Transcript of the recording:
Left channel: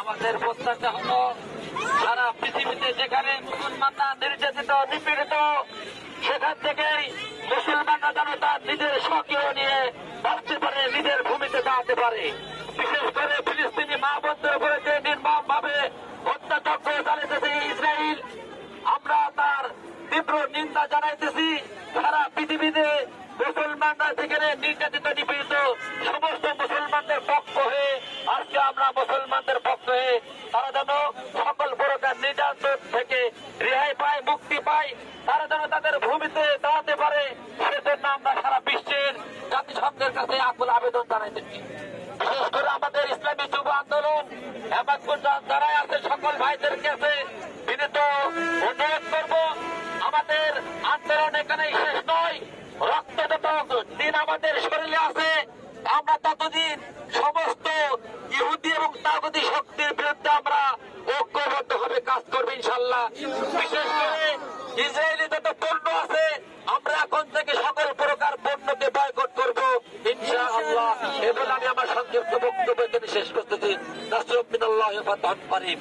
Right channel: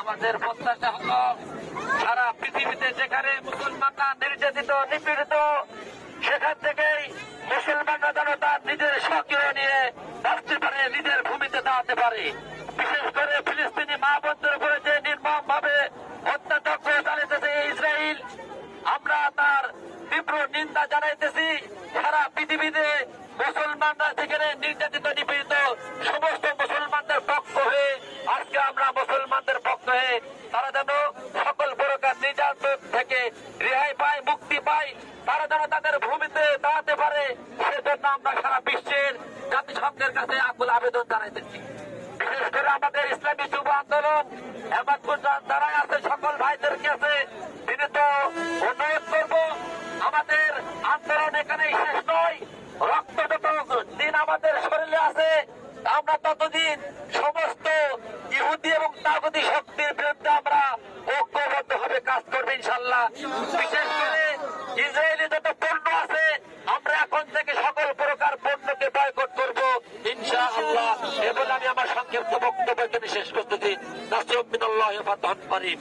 আমাদের প্রত্যাশা হলো সারা পৃথিবীতে যেখানে মুসলমানরা নির্যাতিত নিপীড়িত সেখান থেকেই মুসলমানরা যেন তার নিজের সক্রিয় নিয়ে বাঁচতে পারে, নিজের ভূমিতে দাঁড়াতে পারে। বিশেষ করে ফিলিস্তিনি মা বোনদের উপরে যে নির্মম ভাবে হত্যাযজ্ঞ চালাইতেছে ইসরায়েল, আমরা তার তীব্র নিন্দা জানাইতেছি। সারা পৃথিবীতে মুসলমানরা যেখানে নির্যাতিত নিপীড়িত সমস্ত মুসলমানদের পক্ষ হয়ে আজকে আমরা মুসলমানদের পক্ষ হয়ে তারা যেন সকল প্রকার নির্যাতন থেকে রেহাই পায়, মুক্তি পায়, তারা যেন তাদের ভূমিতে দাঁড়াতে পারে, সেজন্য আমরা সারা বিশ্বের জাতিসংঘের কাছে আকুল আবেদন জানাইতেছি। বিশেষ করে আমাদের ইসলামী যুব আন্দোলন এবং যারা আছে সকল ভাইদের কাছে বিনীত অনুরোধ করব, আমাদের আন্দোলন এখানেই শেষ নয়। রক্ত যত দিন আমাদের শরীরে আছে আমরা ততদিন সমস্ত ইহুদি এবং তাগুতি শক্তির বিরুদ্ধে আমরা ঐক্যবদ্ধভাবে কাজ করবো ইনশাল্লাহ। বিশেষ করে ইসরায়েলি যত পণ্য আছে আমরা এখন থেকে সকল প্রকার পণ্যকে বয়কট করবো ইনশাআল্লাহ। এবং আমি আমার সংক্ষিপ্ত বক্তব্য এখানে শেষ করতেছি। নাসরুদ্দিন আল্লাহ ফাতহুন করিম।